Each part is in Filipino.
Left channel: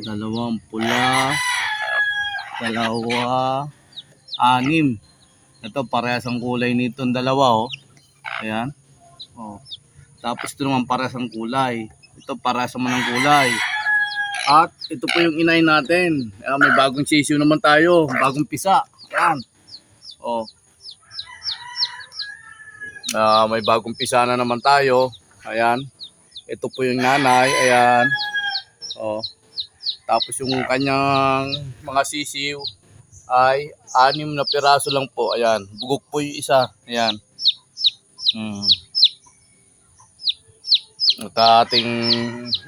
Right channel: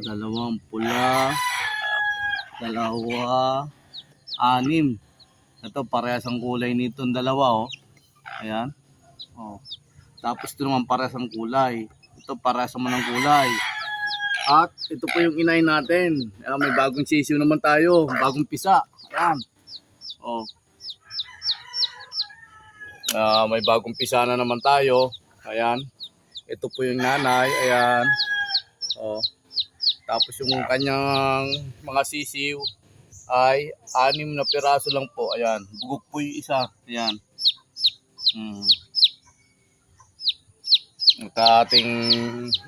dalawang pula, dalawa, anim. Ito parehas ang kulay nitong dalawa, oh. Ayan. Oh. Tapos ito naman parehas ang kulay. Ito parehas naman ang kulay. At ito po yung inay natin. Ayan, may bagong sisiw naman tayo, bagong pisa. Ayan. Oh. May bagong pisa na naman tayo. Ayan. Ito po yung nanay. Ayan. Oh. Tapos yung kanyang mga sisiw ay 6 na piraso lang po. Ayan. Bugok po yung isa. Ayan. At ating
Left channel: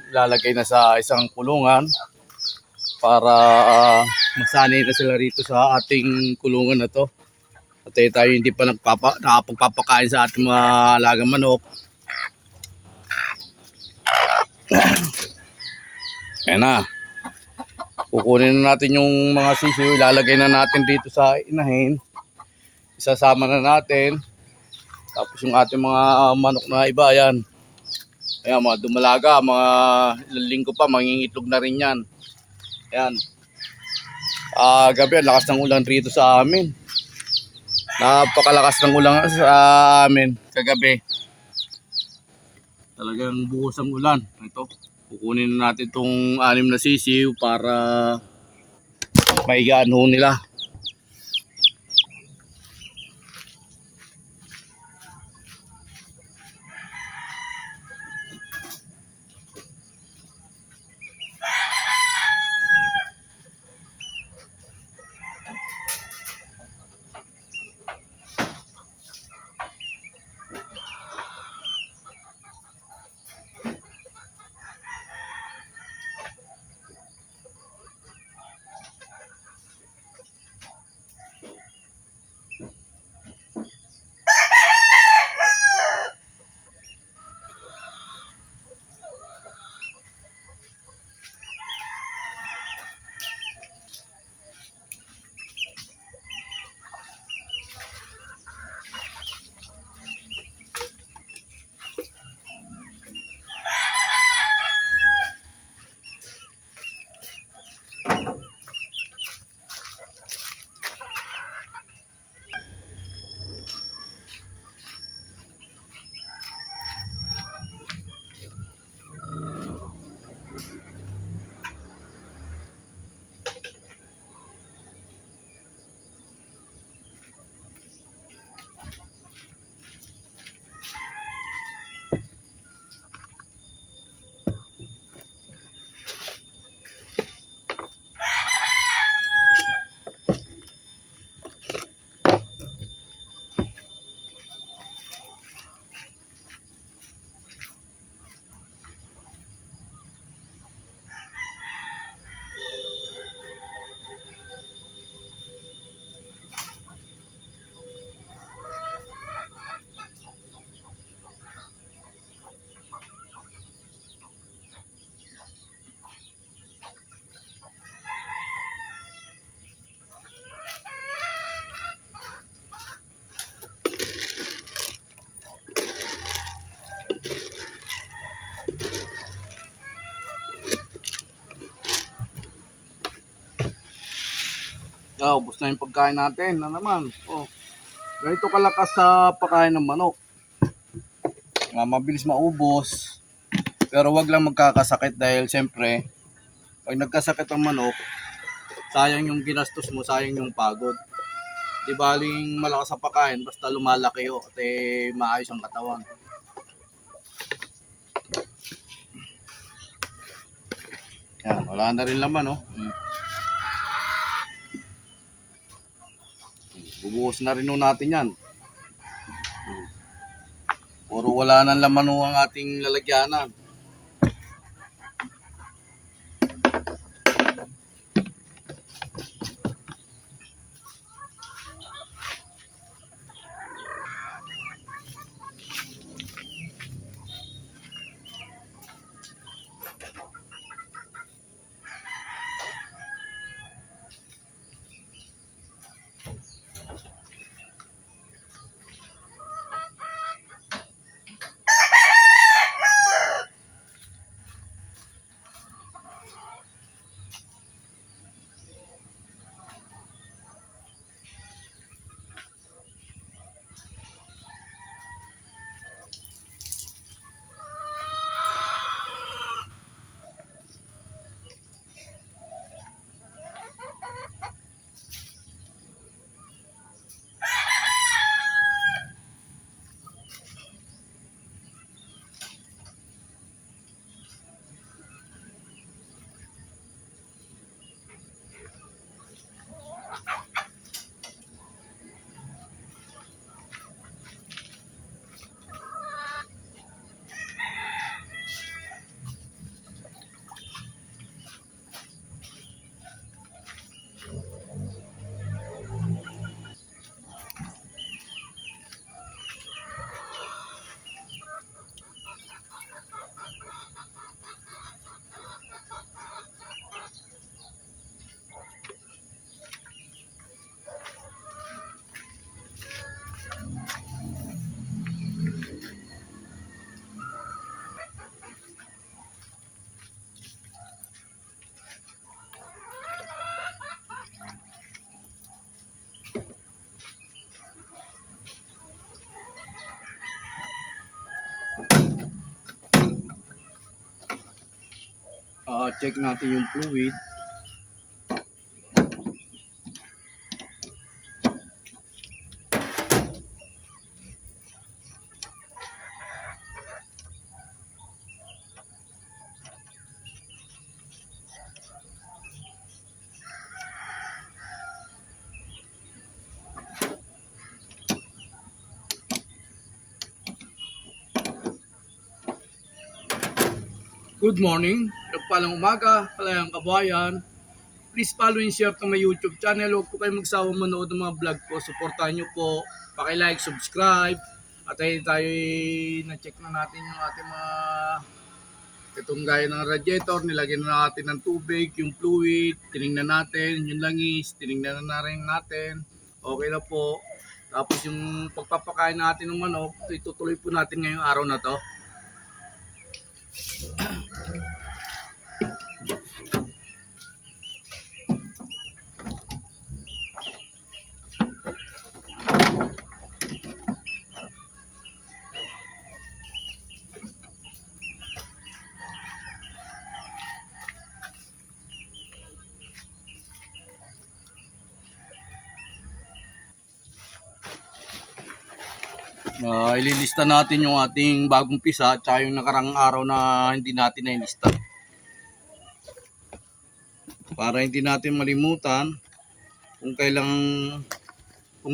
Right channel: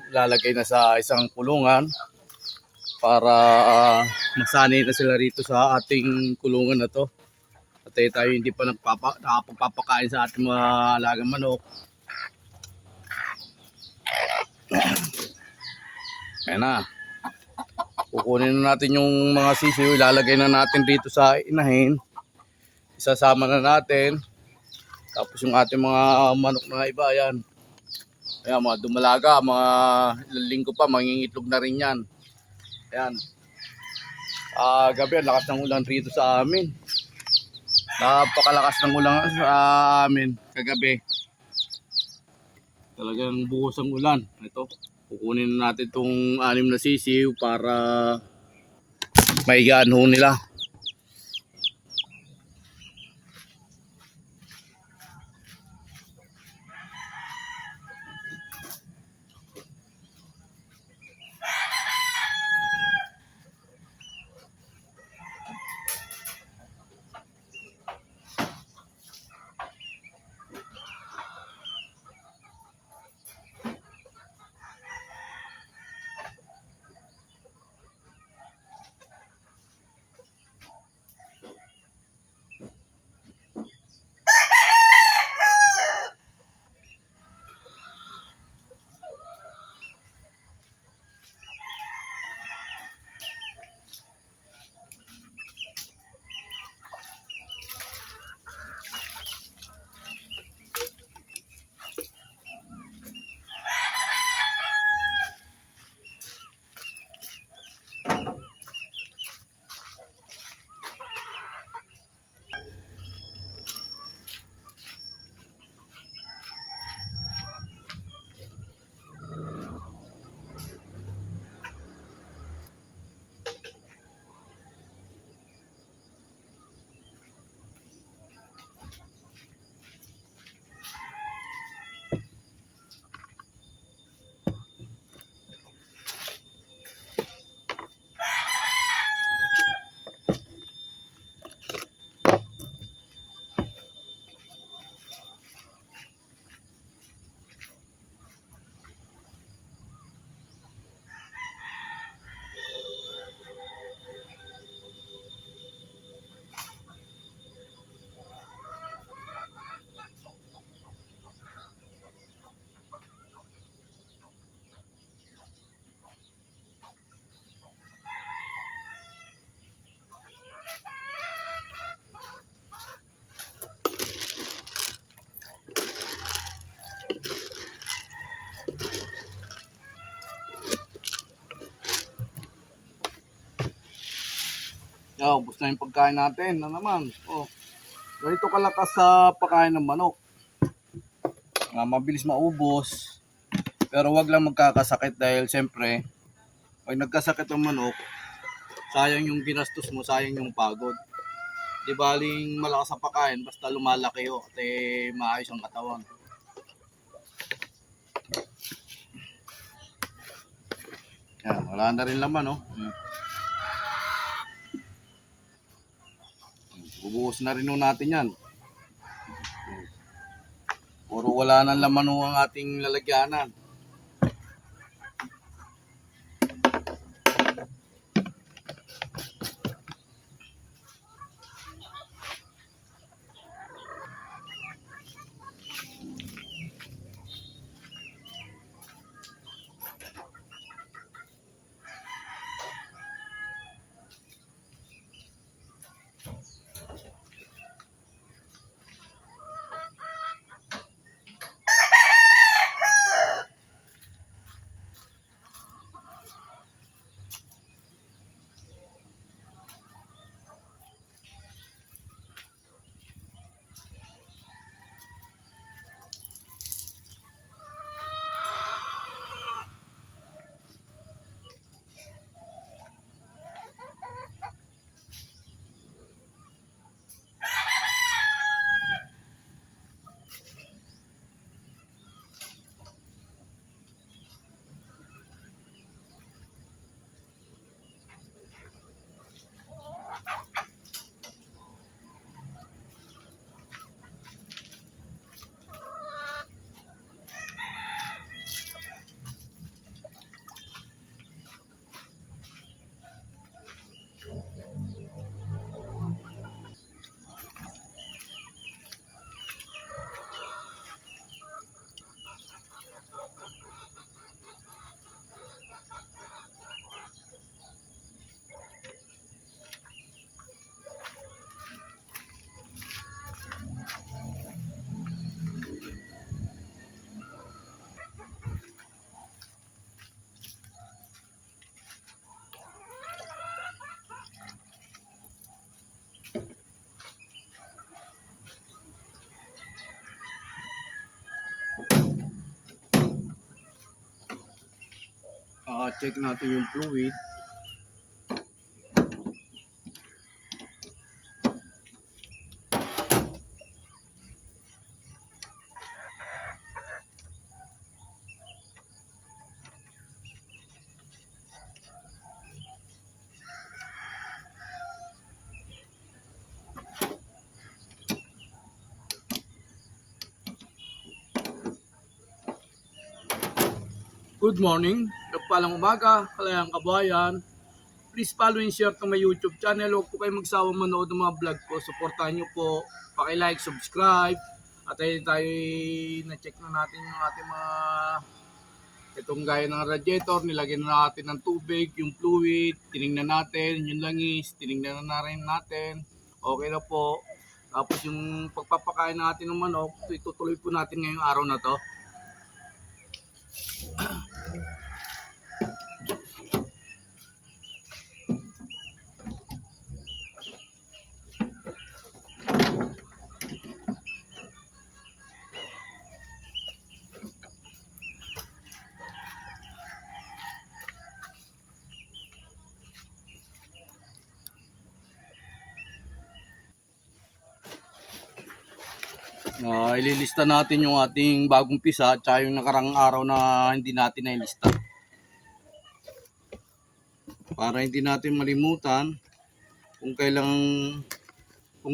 lalagay na sa isang kulungan para masanay na sila rito sa ating kulungan na to. At tayo hindi pa nakapagpapakain sa ating mga alagang manok. Ayan na. Kukunin na natin yung mga sisiw, ilalagay na natin dito sa inahin. Isasama na natin. Tapos yung ating mga manok na iba, ayan. Ayan, mga dumalaga, mga ilang linggo pa, mangingitlog na rin yan. Ayan. Gabi, lakas ng ulan rito sa amin. Napakalakas ng ulan sa amin kagabi. Talagang buhos ang ulan. Ito. Kukunin na natin itong 6 na sisiw para maigaan ho nila. Ubos na yung pagkain natin na naman. Oh, ganito kalakas sa pagkain ng manok. Mabilis maubos. Pero wag lang magkakasakit dahil siyempre pag nagkasakit ang manok, sayang yung ginastos mo, sayang yung pagod. Di baling malakas sa pagkain basta lumalaki at maayos ang katawan. Yan, wala na rin laman, oh. Bubuhos na rin natin yan. Puro wala nang laman ang ating lalagyanan. check natin yung fluid. Good morning, nagpalang umaga, kalayang kabayan. Please follow and share to my YouTube channel. Huwag po kayo magsawang manood ng mga vlog ko. Supportahan nyo po, paki-like, subscribe. At ay tayo na-check na natin yung ating mga itong gaya ng radiator. Nilagyan na natin ng tubig, yung fluid, tinignan natin, yung langis, tinignan na rin natin. Okay na po. Tapos yung pagpapakain natin ng manok, itutuloy po natin ngayong araw na to. Ililista natin yung ating bagong pisa at yung nakarang araw na hindi natin nailista. Para hindi natin malimutan kung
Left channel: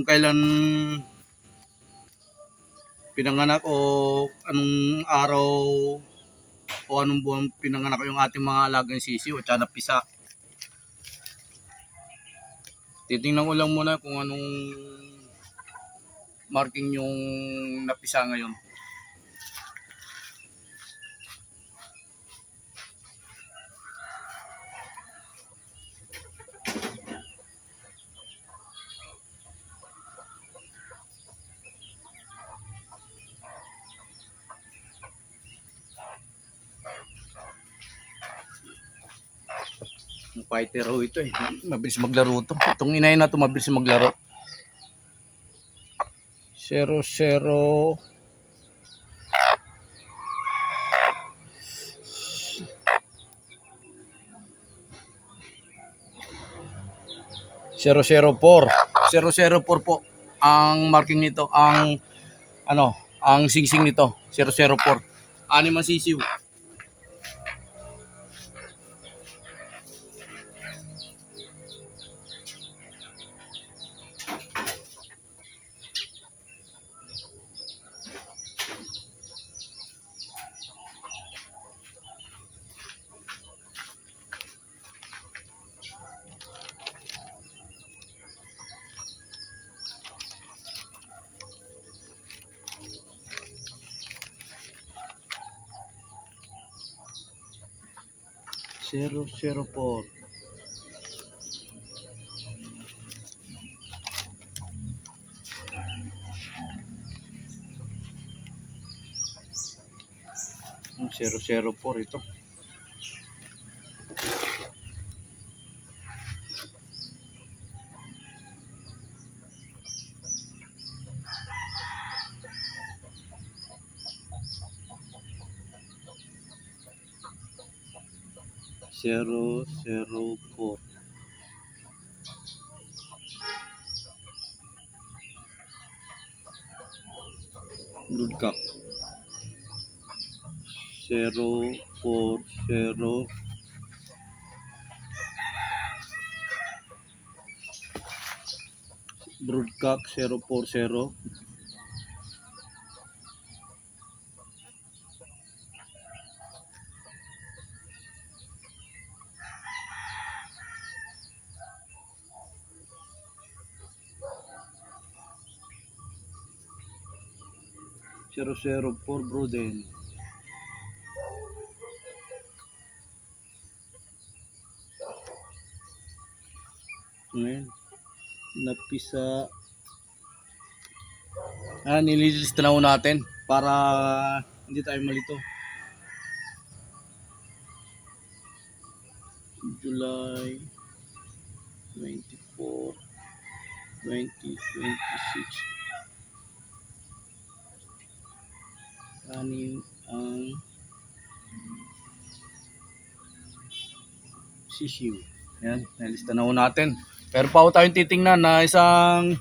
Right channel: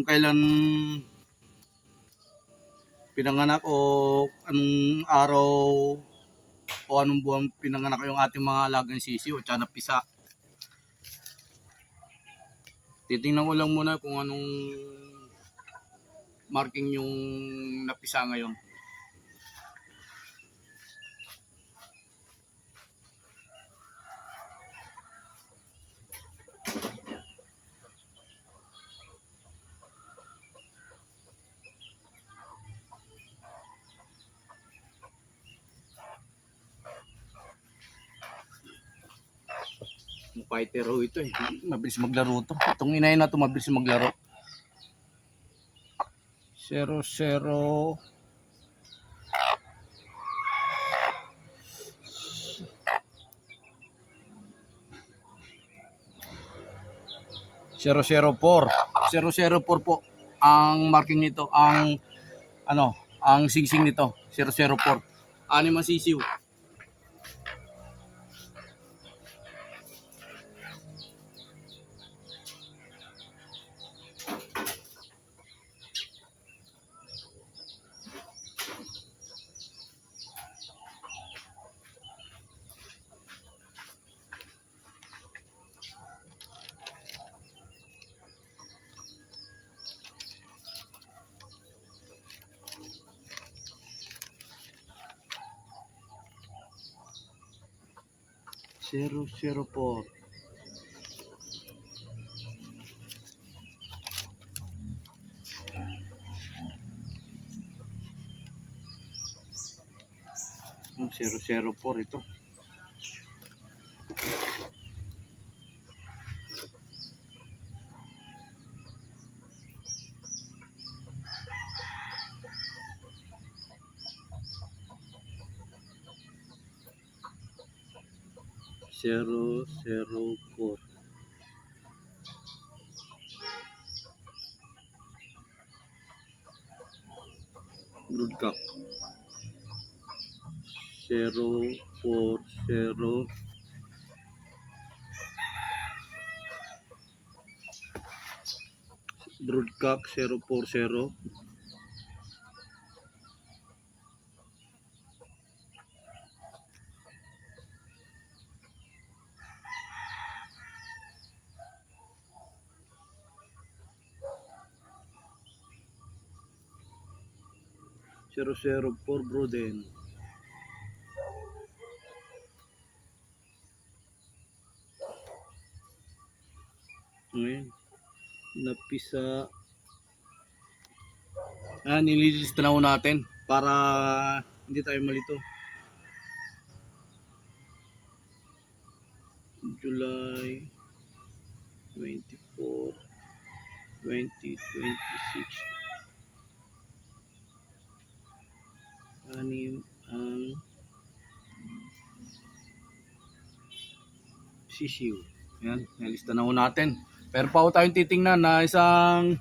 kailan pinanganak o anong araw o anong buwan pinanganak yung ating mga alagang sisiw at saka pisa. Titingnan ko lang muna kung anong marking yung napisa ngayon. Fighter ho ito eh. Mabilis maglaro ito. Itong inay na ito mabilis maglaro. 0-0 004 004 po ang marking nito, ang ang singsing nito 004. Anim ang sisiw. Zero, 04. Yung 004 ito. Zero, 04. Broodcock 040. Broodcock 040. Zero, 04 Broden. Ngayon, napisa. Nililista na ho natin para hindi tayo malito. July 24, 2026. Anim ang sisiw. Ayan, nalista na ho natin. Pero pa ho tayong titingnan na isang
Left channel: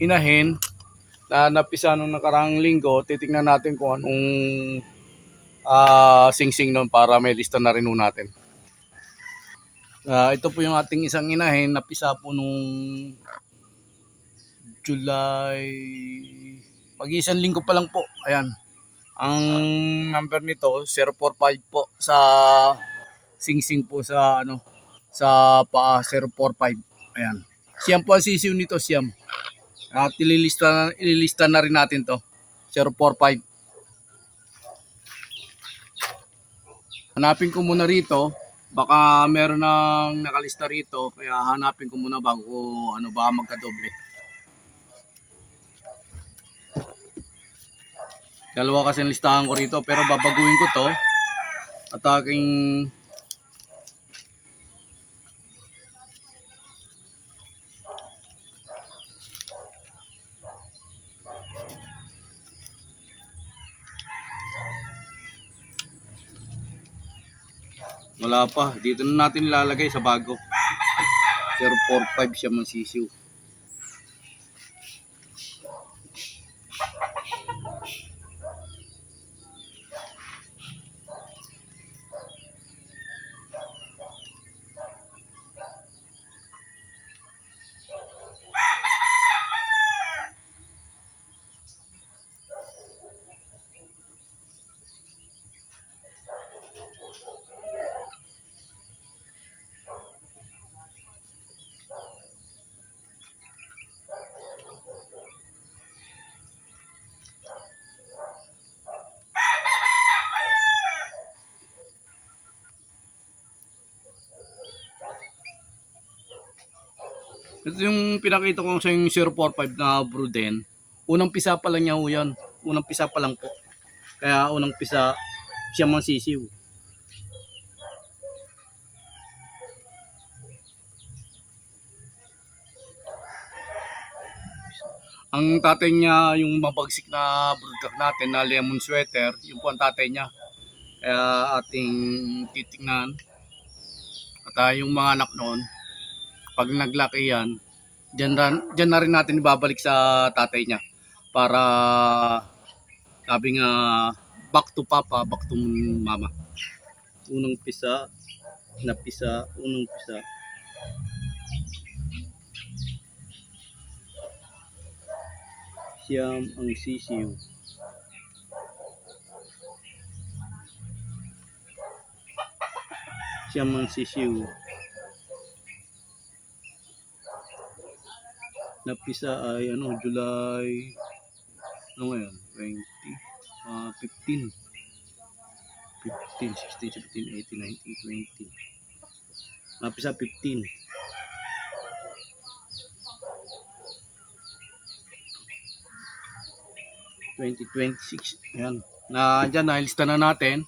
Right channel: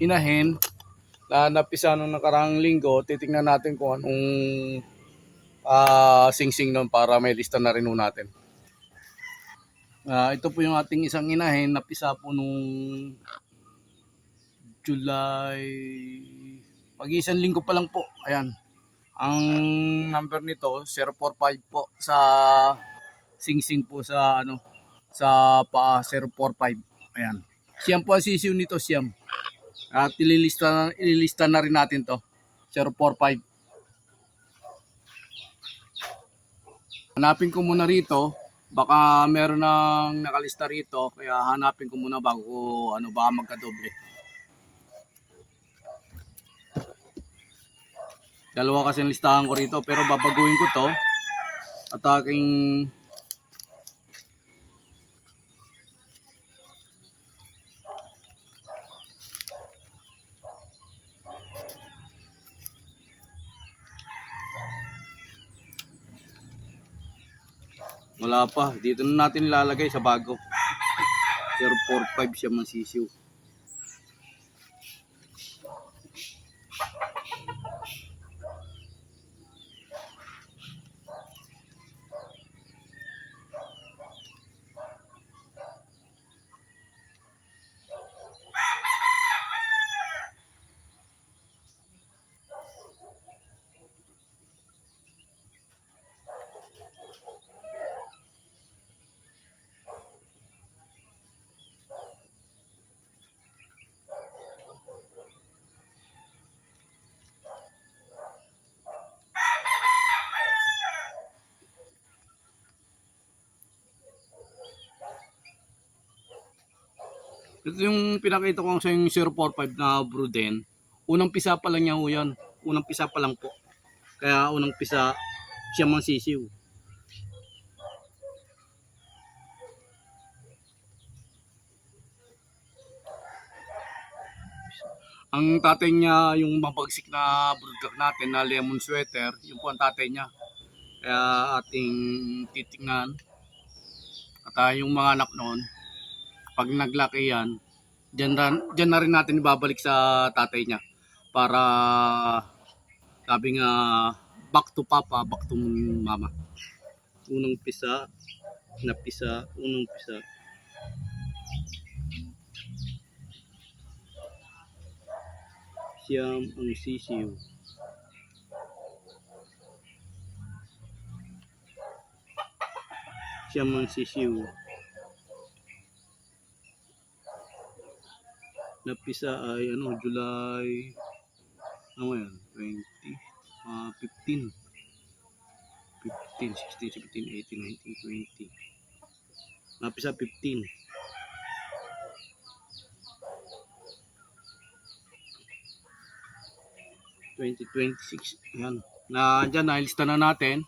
inahin na napisa nung nakarang linggo. Titingnan natin kung anong sing-sing nun para may lista na rin ho natin. Ito po yung ating isang inahin. Napisa po nung July, pag-isang linggo pa lang po. Ayan. Ang number nito 045 po sa sing-sing po sa sa paa 045. Ayan. Siyam po ang sisiw nito, siyam. At ililista na rin natin to. 045. Hanapin ko muna rito. Baka meron nang nakalista rito. Kaya hanapin ko muna bago baka magkadoble. Dalawa kasi ang listahan ko rito. Pero babaguhin ko to. At aking wala pa. Dito na natin ilalagay sa bago. 045 siya mang sisiw. Ito yung pinakita ko sa yung 045 na Bruden. Unang pisa pa lang niya ho yan. Unang pisa pa lang po. Kaya unang pisa siya mang sisiw. Ang tatay niya, yung mabagsik na broodcock natin na lemon sweater, yung po ang tatay niya. Kaya ating titingnan. At yung mga anak noon, pag naglaki yan, dyan na rin natin ibabalik sa tatay niya. Para sabi nga, back to papa, back to mama. Unang pisa, napisa, unang pisa. Siyam ang sisiw. Siyam ang sisiw. Napisa ay July, ngayon? 20, 15. 15, 16, 17, 18, 19, 20. Napisa 15. 2026. Ayan. Diyan nilista na natin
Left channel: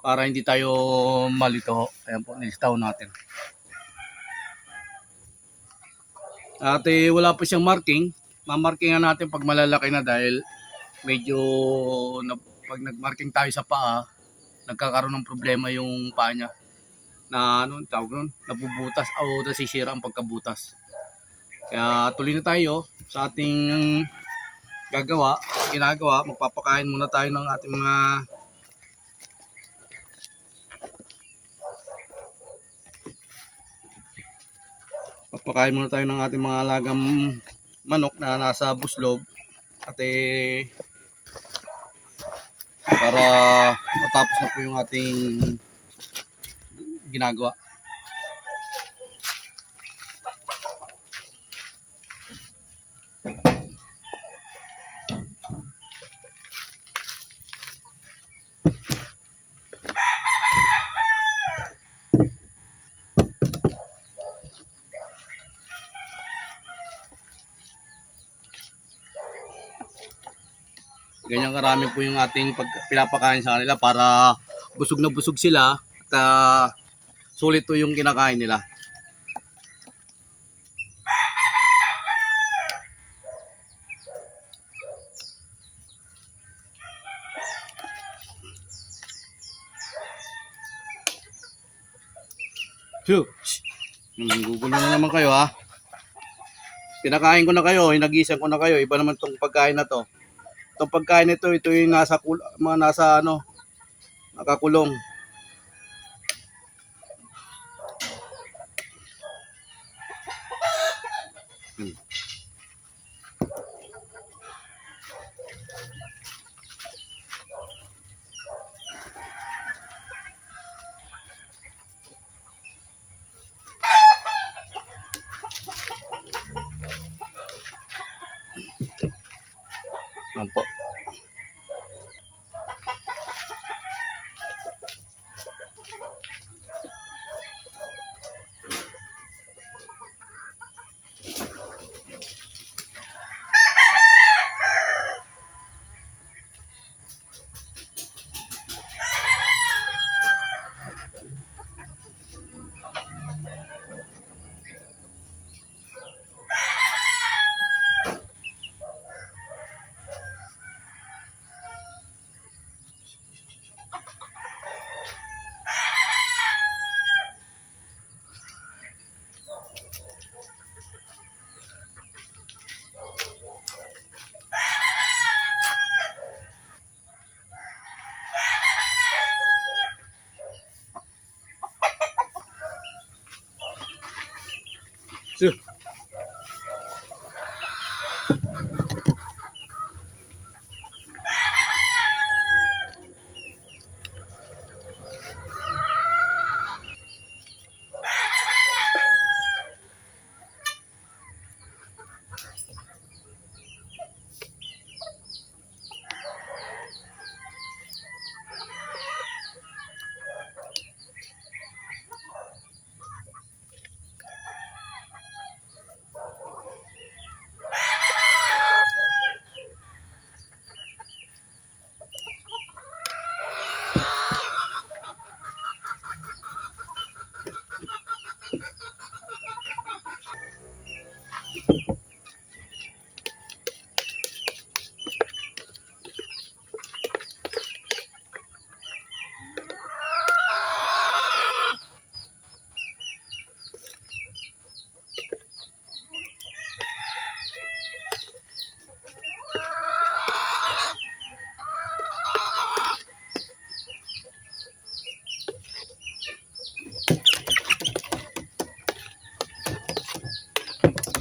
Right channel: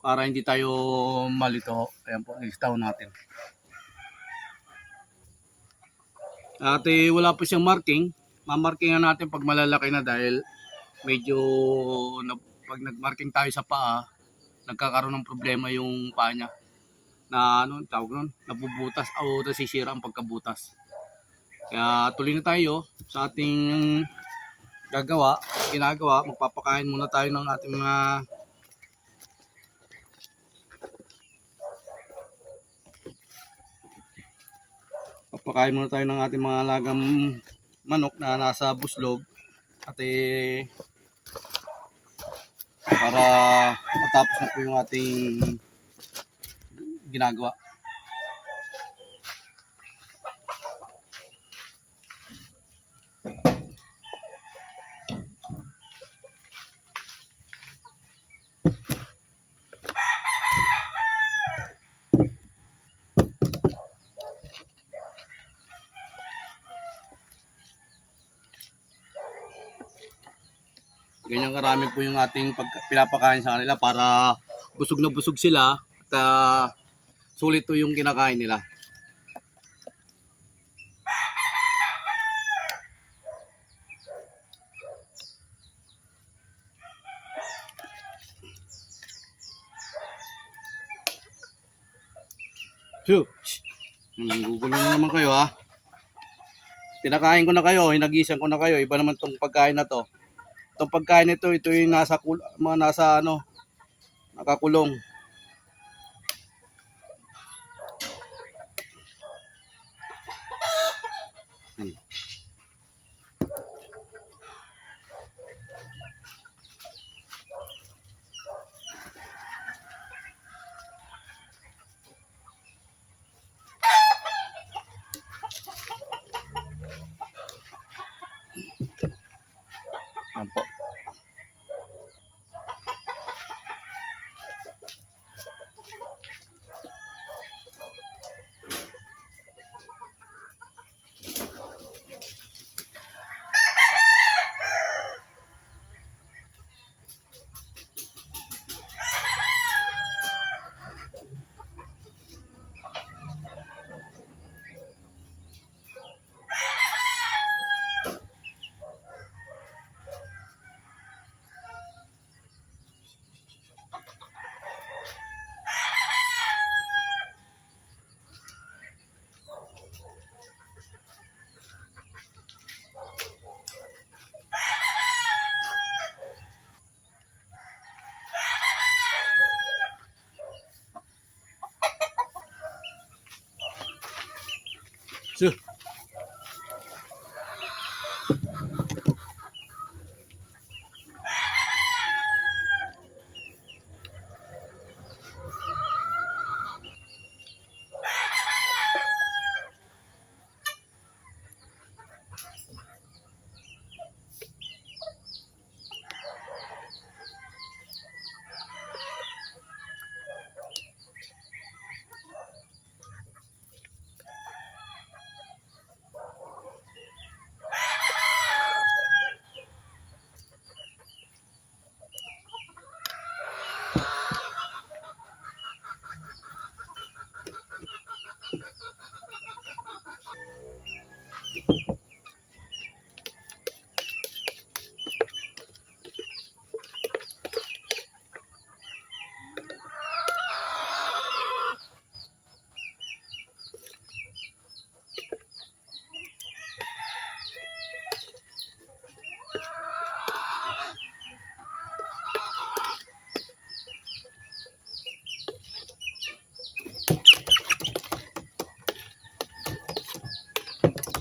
para hindi tayo malito. Ayan po, nilistahan natin. At wala po siyang marking. Mamarkingan natin pag malalaki na dahil medyo pag nagmarking tayo sa paa, nagkakaroon ng problema yung paa niya. Na tawag nun, nabubutas o nasisira ang pagkabutas. Kaya tuloy na tayo sa ating ginagawa. Magpapakain muna tayo ng ating mga alagang manok na nasa buslog at para matapos na po yung ating ginagawa. Ganyan karami po yung ating pinapakain sa kanila para busog na busog sila at sulit po yung kinakain nila. Phew! Gugulo na naman kayo ha. Pinakain ko na kayo, hinagisan ko na kayo. Iba naman tong pagkain na to. Itong pagkain nito, ito yung mga nasa nakakulong. Yan po.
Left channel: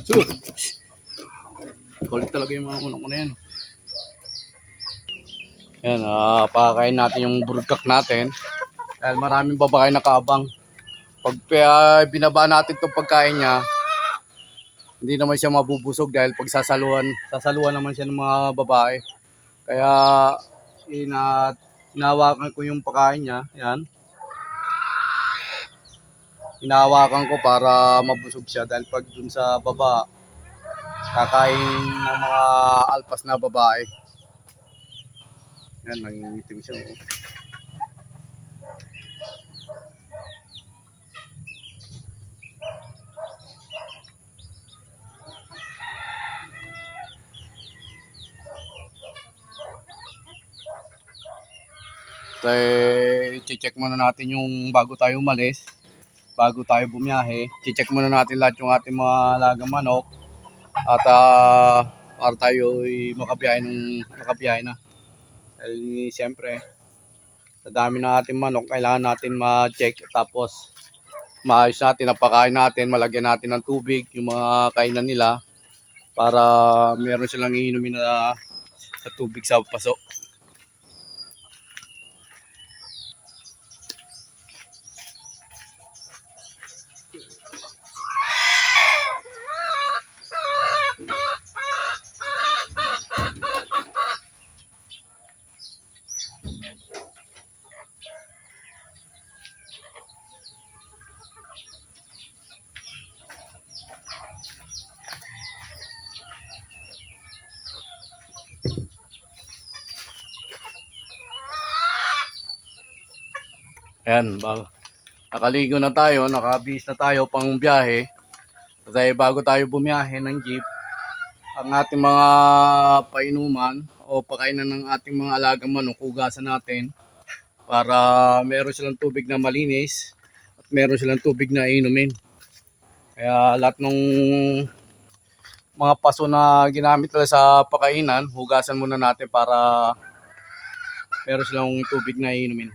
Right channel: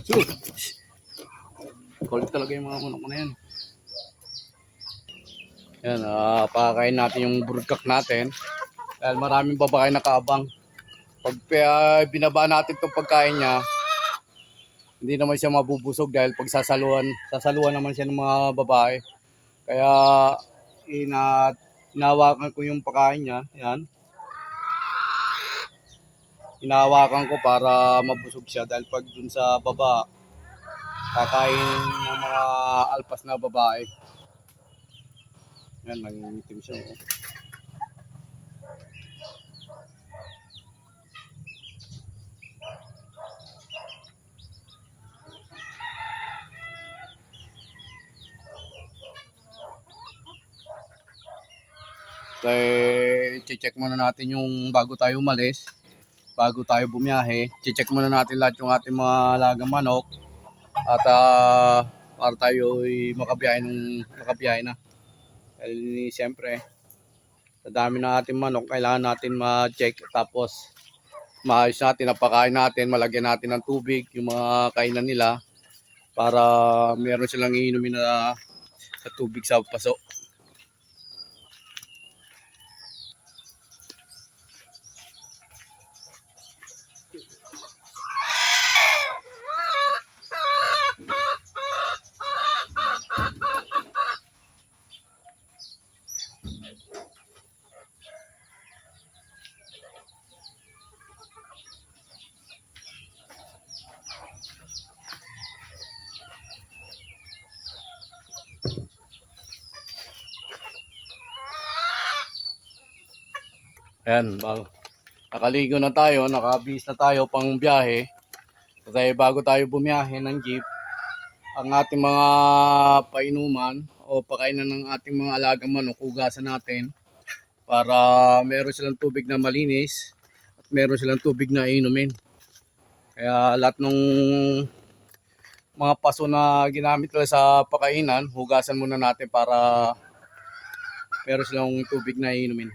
So, kulit talaga yung mga manok ko na yan. Yan, pakakain natin yung burgak natin. Dahil maraming babae nakaabang. Pag binaba natin itong pagkain niya, hindi naman siya mabubusog dahil pag sasaluhan naman siya ng mga babae. Kaya hinawakan ko yung pagkain niya. Yan. Hinawakan ko para mabusog siya dahil pag dun sa baba, kakain ng mga alpas na babae. Yan, nangingitim siya. I-check muna natin yung bago tayo umalis. Bago tayo bumiyahe, i-check muna natin lahat yung ating mga alagang manok. At para tayo makabiyahe na. Dahil siyempre, sa dami na ating manok, kailangan natin ma-check. Tapos, maayos natin, napakain natin, malagyan natin ng tubig, yung mga kainan nila. Para meron silang iinumin na tubig sa paso. Yan, nakaligo na tayo, nakabihis na tayo pang biyahe. Dahil bago tayo bumiyahe ng jeep, ang ating mga painuman o pakainan ng ating mga alagang manok, hugasan natin para meron silang tubig na malinis at meron silang tubig na inumin. Kaya lahat ng mga paso na ginamit nila sa pakainan, hugasan muna natin para meron silang tubig na inumin.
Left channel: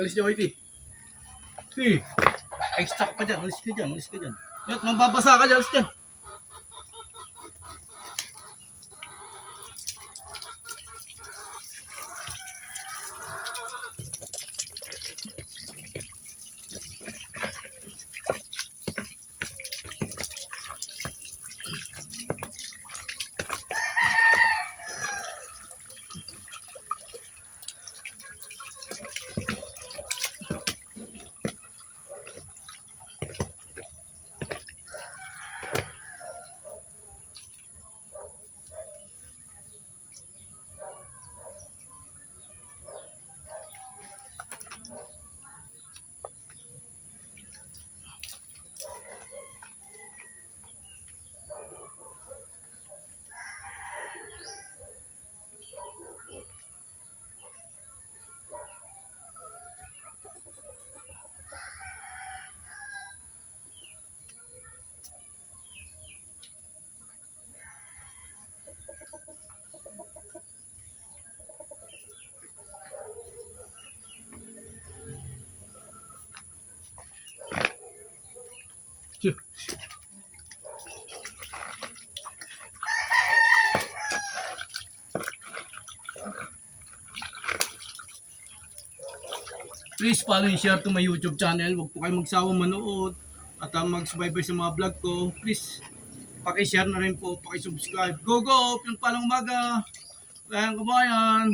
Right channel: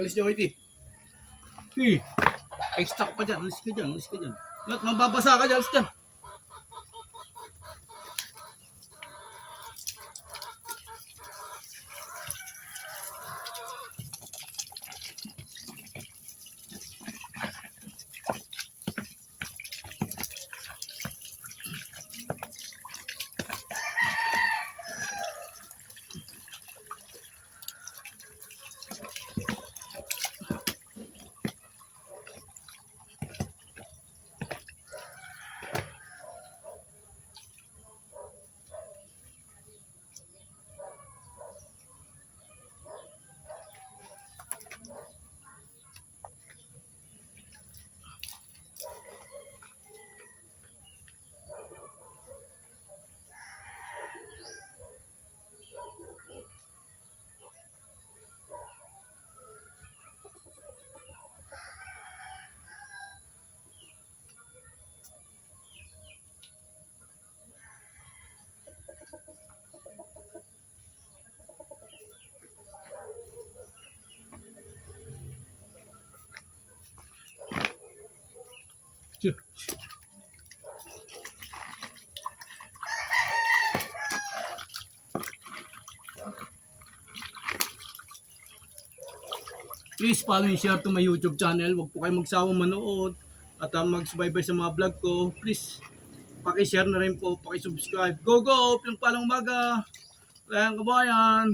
Alis nyo, Whitey. Extra pa dyan. Alis ka dyan. Alis ka dyan. At mababasa ka dyan. Alis dyan. Please follow and share to my YouTube channel. Huwag po kayo magsawang manood at mag-subaybay sa mga vlog ko. Please, paki-share na rin po, paki-subscribe. Go, go! Yung palang umaga! Kayang kabayan!